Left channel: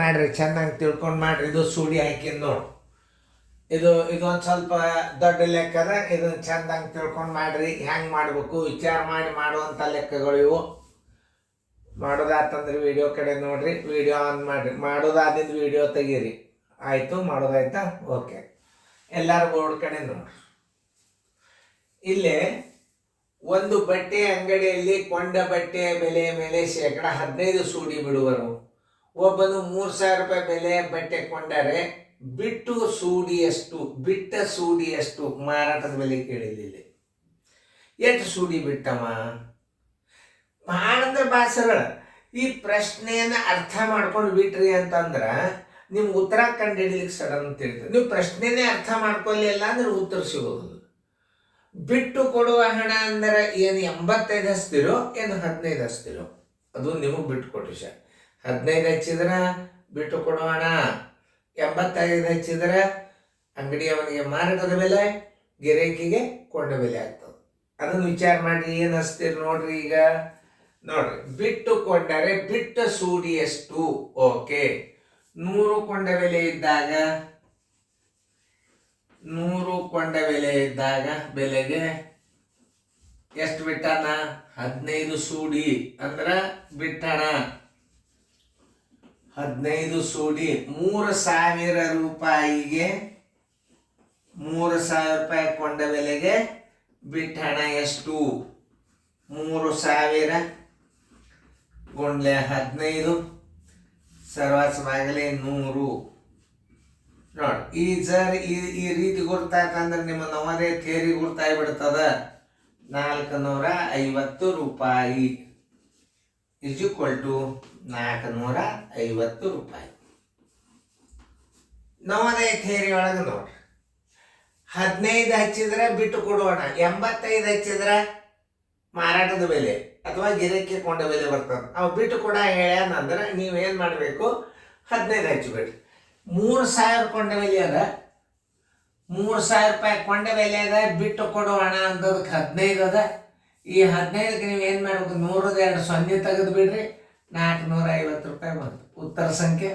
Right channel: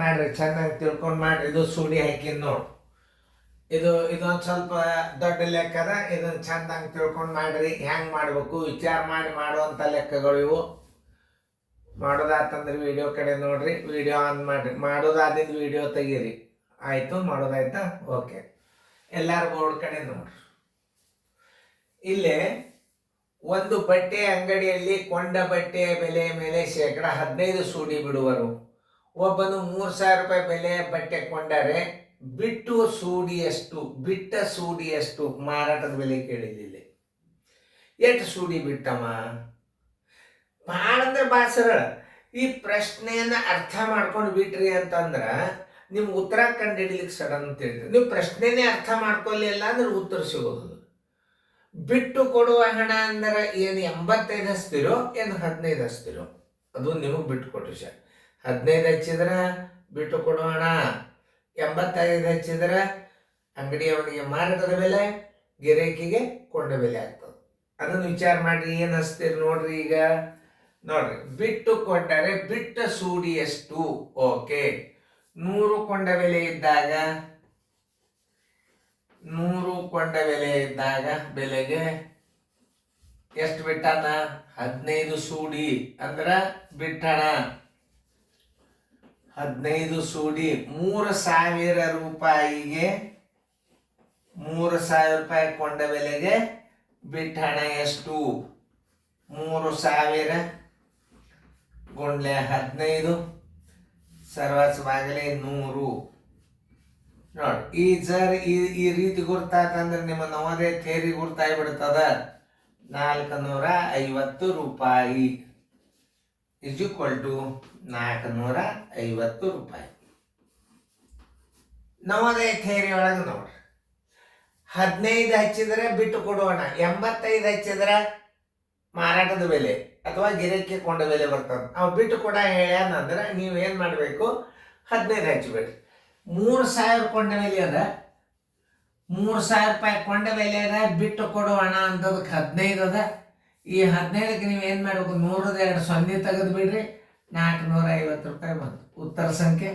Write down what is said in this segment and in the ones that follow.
ಮಾಡ್ರಿ, ಚೆನ್ನಾಗಿ ತಿಳ್ಕೊಂಡು ಮಾಡ್ರಿ. ಇದು ಸೂಡಿ ಹಾಕಿದ್ ನೋಡು. ಇದೊಂದು ಸ್ವಲ್ಪ ದೊಡ್ಡ ಲೆಕ್ಕದ. ಇದನ್ನು ಚೆಂದಾಗಿ ತಿಳ್ಕೊಂಡು ಮಾಡ್ರಿ. ಹೆಂಗೆ ಮಾಡಬೇಕು ವಿಚಾರ ಮಾಡಿ ಮಾಡುವಂಥ ಲೆಕ್ಕಗಳು ಇವು. ಮಾಡೋದಾತಂದ್ರೆ ವಿಡಿಯೋ ಕಡೆ ನೋಡ್ರಿ, ವಿಡಿಯೋ ಆನ್ ಮಾಡಿರಿ. ಮಾಡೋದಾದಿದ್ದು ವಿಡಿಯೋ ತೆಗೀರಿ. ಆಯಿತು, ಮಾಡೋದಾಯ್ತಾ? ಓಕೆ. ಎಲ್ಲರೂ ಬೋರ್ಡ್ ಕಡೆ ನೋಡ್ರಿ. ಇಲ್ಲೇ ಒಂದು ಬಟ್ಟೆ ಅಂಗಡಿಯಲ್ಲಿ ಕೊಂಡ ಬಟ್ಟೆಯ ಬೆಲೆಯ ಮೇಲೆ 15% ಸೂಡಿ ಬಿಡುವರು. ಒಬ್ಬನು 3,000 ರೂಪಾಯಿ ಬೆಲೆಯ ಬಟ್ಟೆ ಕೊಂಡರೆ ಬಿಟ್ಟ ಸೂಡಿಯಷ್ಟು ಮಾರಾಟದ ಬೆಲೆ ಕೇಳಿಲ್ಲ. ಎಷ್ಟು ಸೂಡಿ ಬಿಟ್ಟಮ್ಮ? ಮಾಡಂದ್ರೆ ಭಾಳ ಸರಳ. ಈ ಪ್ರಶ್ನೆಯನ್ನು ಅರ್ಥ ಮಾಡ್ಕೊಂಡು ಬಿಟ್ರಿ ಅಂತಂದ್ರೆ ನಿಮ್ಗೆ ಉತ್ತರ ಕಂಡು ಹಿಡಿಲಿಕ್ಕೆ ಸಡನ್ ಅಂತ ಹೇಳ್ತೀವಿ. ನೀವು ಪ್ರಶ್ನೆನೇ ಅರ್ಥ ಮಾಡ್ಕೊಳ್ಳಿಲ್ಲ ಅಂದ್ರೆ ಉತ್ತರ ಸಿಗೋದಿಲ್ಲ. ಬಿಟ್ಟು ಕೊಡುವ ಹಣ ಅಂದ್ರೆ ಏನು 85 ಹಚ್ತಿರೋ ಏನು 15 ಹಚ್ತಿರೋ ಅದು ನಿಮಗೆ ಬಿಟ್ಟು ಕೊಟ್ರಿ ಸರ್. 15 ಹಚ್ಚಿದ್ರೆ ಬಿಟ್ಟು ಕೊಡುವ ಹಣ, 85 ಹಚ್ಚಿದ್ರೆ ಅಂಗಡಿಯವನಿಗೆ ಮಾರಾಟದ ಬೆಲೆ, ಗಿರಾಕಿಗೆ ಕೊಂಡ ಬೆಲೆ ಆಗ್ತದೆ. ಅದನ್ನು ವಿಚಾರ ಮಾಡ್ರಿ. ಏನು ಹಚ್ತೀರಿ ನೋಡ್ರಿ. ಈಗ ನೋಡ್ರಿ, ಬಿಟ್ಟು ಕೊಂಡರೆ ಬಿಟ್ಟ ಸೂಡಿ ಎಷ್ಟು? ಓಕೆ, 100 ಕೊಂಡ ಬೆಲೆ ಇದ್ದಾಗ 100 ಕೊಂಡ ಬೆಲೆ ಇದ್ದಾಗ ಬೆಲೆಗೆ ಎಷ್ಟು ಬಿಟ್ಟಣ? 15 ಸೂಡಿ ಅಂದ್ರ ಬಿಟ್ಟಣ 15 ಸೂಡಿ. 3,000 ರೂಪಾಯಿಗೆ 3,000 ರೂಪಾಯಿ ಕೊಂಡ ಬೆಲೆಗೆ ಬಿಟ್ಟಣ ಎಷ್ಟು? 3,000 ಗುಂಡ್ಲೆ 15 ಸರ್ವಾಸವಾಗಲೇ 100. ನೋಡಿ, ಈ ರೀತಿ ಗುರ್ತಾಕಂದ್ರೆ ನಿಮ್ಮ ನವೋದಯ ಥೇರಿ ಗುರ್ತಾಗ್ಬಿಡ್ತದ. 450 ರೂಪಾಯಿ ಇಸ್ ಈಕ್ವಲ್ ಟು 450 ರೂಪಾಯಿ. ನವೋದಯ ಥೇರಿ ಒಳಗೆ ನೋಡ್ರಿ, 15 ಹಚ್ಚಿದ್ರೆ ಬಿಟ್ಟು ಕೊಡೋಣ, 85 ಹಚ್ಚಿದ್ರೆ ಮಾರಾಟದ ಬೆಲೆ ಅಥವಾ ಗಿರಾಕಿ ಕೊಂಡ ಬೆಲೆ ಬರ್ತದೆ. ಅವು ಬಿಟ್ಟು ಕೊಡ ಹೇಳ್ಯಾನಂದ್ರೆ ನೀವೇನು ಮಾಡಬೇಕು? 15 ಹಚ್ಚಬೇಡಿ. 3,000 ಕೊಂಡ ಬೆಲೆ ಅದ, 3,000 ರೂಪಾಯಿ ಕೊಂಡ ಬೆಲೆ ಅದ. ಬಿಟ್ಟು ಕೊಡುವಣ ಅಂತದಕ್ಕೆ 15 ಅದ. ಈ 15ಕ್ಕೆ ನೀವು ಏನು ಮಾಡಬೇಕು? 100 ಸೊನ್ನೆ ತೆಗೆದು ಬಿಡ್ರಿ, 450 ರೂಪಾಯಿ ಬಂತು. ಉತ್ತರ ಸಂಖ್ಯೆ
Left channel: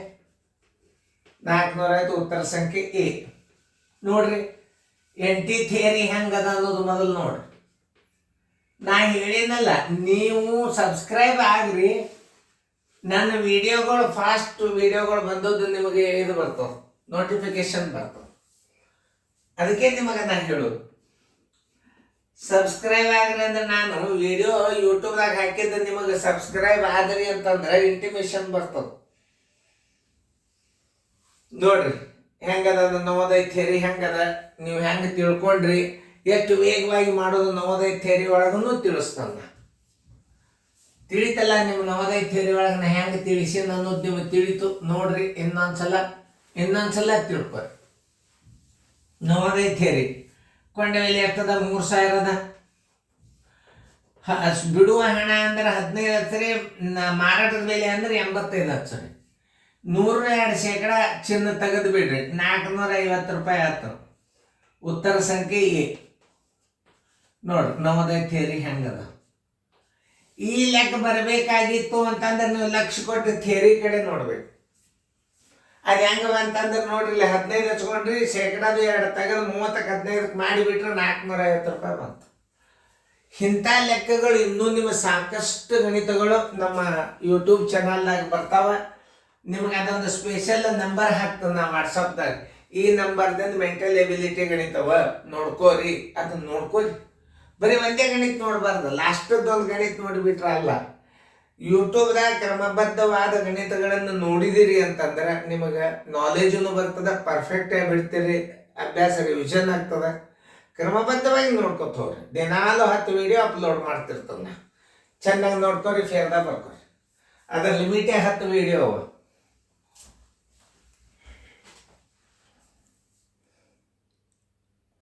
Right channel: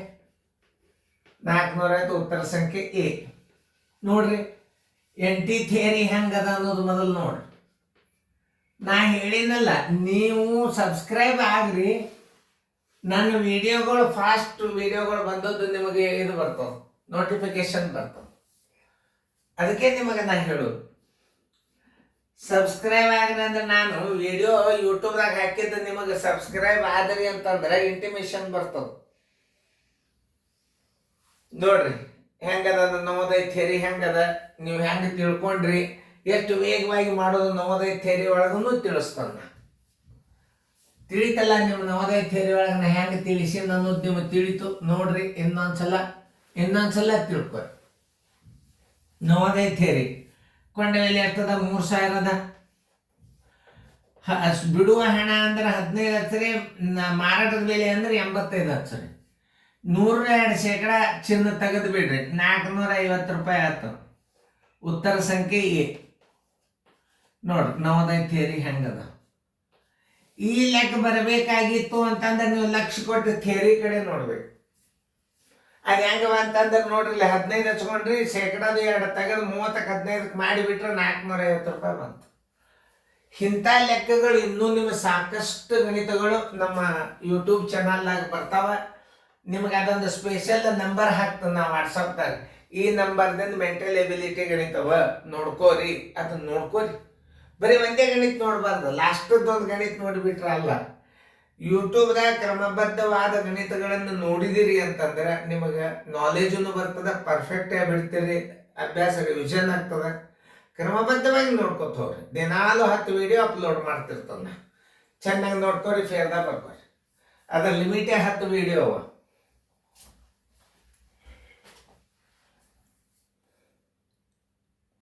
450. ಉತ್ತರ ಸಂಖ್ಯೆ ಎ. ನೋಡ್ರಿ, ಎಂಟಿ ಥಿಯರಿ ಹೆಂಗದ ಅನ್ನೋದು ಮೊದಲು ನೋಡ್ರಿ. ನಾ ಹೇಳಿನಲ್ಲ, ನೀವು ಸಬ್ಸ್ಕ್ರೈಬ್ ಆಗ್ರಿ. ನನ್ನ ವಿಡಿಯೋಗಳು ಫಾಸ್ಟ್ ವಿಡಿಯೋಗಳು ಬಂದದ್ದು ನಿಮಗೆ ಇದು ಬರ್ತವೆ, ನೋಟಿಫಿಕೇಶನ್ ಬರ್ತವೆ. ಅದಕ್ಕೆ ನಿಮಗೆ ನಾನು ಹೇಳೋದು, ಸಬ್ಸ್ಕ್ರೈಬ್ ಆಗ್ರಿ ಅಂದ್ರೆ ನಾನು ವಿಡಿಯೋ ಯೂಟ್ಯೂಬ್ದಾಗ ಹಾಕಿದ್ದು ನಿಮಗೆ ಸಬ್ಸ್ಕ್ರೈಬ್ ಆದ್ರಿ ಅಂತಂದ್ರೆ ಇಂಟಿಮೇಷನ್ ಬರ್ತದೆ. ನೋಡ್ರಿ ಹೆಂಗದ ನವೋದಯ ಥಿಯರಿ ಹೆಂಗದ, ನೀವು ಹೆಂಗೆ ತಿಳ್ಕೊಂಡ್ರಿ, ಎಷ್ಟು ವೇಗವಾಗಿ ಮಾಡೋದು ನವೋದಯ ಥಿಯರಿ ಒಳಗೂ ತಿಳಿಸ್ತಾನೆ. ತಿಳಿತಲ್ಲ ನಿಮ್ಮ ನವೋದಯ ಥಿಯರಿ ಒಳಗೆ ನಾ ಹೆಂಗೆ ತಿಳಿಸಿ ಅನ್ನೋದು ನಿಮಗೆ ತಿಳಿತು. ನೋಡ್ರಿ, ಇನ್ನೊಂದ್ಸಲ ತಿಳ್ಕೊರಿ. ನವೋದಯ ಥಿಯರಿ ಕೊಂಡ ಬೆಲೆ ಎಷ್ಟದ? 3,000 ಅದ. ಬಿಡುವ ಹಣ ಅಂದ್ರೆ 15 ಹಚ್ಚ್ರಿ, ಮಾರಾಟದ ಬೆಲೆ ಅಂದ್ರೆ 85 ಹಚ್ಚ್ರಿ. 102% ಚಿನ್ನ ತೆಗೆದು ಬಿಡ್ರಿ, 450 ರೂಪಾಯಿ ಆಯ್ತು. ಉತ್ತರ ಸಂಖ್ಯೆ ಎ. ನೋಡ್ರಿ ನವೋದಯ ಥಿಯರಿ ಹೆಂಗದ. ಈ ಲೆಕ್ಕ ಬರಬೇಕಾಗಿತ್ತು ಅಂತಂದ್ರೆ ನೀವು ಲಕ್ಷ್ಯ ಕೊಟ್ಟು ಥಿಯರಿ ಕಡೆ ನೋಡ್ಬೇಕು. ಅದು ಹೆಂಗವ ಅಂತಂದ್ರೆ ನೋಡ್ರಿ, ಇಲ್ಲಿ 15 ಹಚ್ಕೊಂಡ್ರಿ, 2% ತೆಗೆದು 30ಕ್ಕೆ 15ಕ್ಕೆ ಮಾಡಿಬಿಟ್ರೆ 450 ರೂಪಾಯಿ ಬಂತು. ಇಂಥ ಲೆಕ್ಕಗಳು ಇನ್ನೂ ನಿಮ್ಮ ಸಾಕಷ್ಟು ಗಣಿತಗಳು ನಮ್ಮ ಯೂಟ್ಯೂಬ್ ಚಾನಲ್ನಾಗ ಬರ್ತಾವ. ನಿಮ್ಗೆ ಅದೊಂದು ಸ್ಪೆಷಲ್ ನಂಬರ್ ಹಾಕ್ತದೆ ನಾ ವಾಟ್ಸಪ್ದಾಗ. ಈ ನಂಬರ್ದಿಂದ ಮೆಂಟಲ್ ಎಬಿಲಿಟಿ ಗಣಿತವ ನೋಡ್ಕೋರಿ, ಅದನ್ನ ನೋಡ್ಕೋರಿ. ಬರೀ ಒಂದೇ ಗಣಿತ ನೋಡಬಾರ್ದು, ಲಾಸ್ಟದ್ದೊಂದು ಗಣಿತ ನೋಡಿಬಿಟ್ರೆ ಅಲ್ಲ. ಯೂಟ್ಯೂಬ್ದಾಗ ಕ್ರಮಬದ್ಧವಾದ ಗಣಿತಗಳನ್ನು ನೋಡಿದಿರಿ ಅಂತಂದ್ರೆ ನಿಮಗೆ ನಾಲೆಜನ್ನು ಬರ್ತದೆ, ಪರ್ಫೆಕ್ಟಾಗಿ ಬಿಡ್ತೀರಿ, ಅಭ್ಯಾಸ ರಿವಿಷನ್ ಆಗ್ತದೆ. ಕ್ರಮಬದ್ಧವಾಗಿ ನೋಡ್ಕೊತ ಹೋಗ್ರಿ. ದಿನಾಲು 10 ವಿಡಿಯೋ ಅಪ್ಲೋಡ್ ಮಾಡ್ತಿರ್ತದೆ. ಚೆನ್ನಾಗಿ ನೋಡ್ಕೊರಿ, ಫೇರ್ದಾಗ ಬರ್ಕೊರಿ. ಅದ್ರ ಲಿಮಿಟೇ 10 ವಿಡಿಯೋ ಅವ.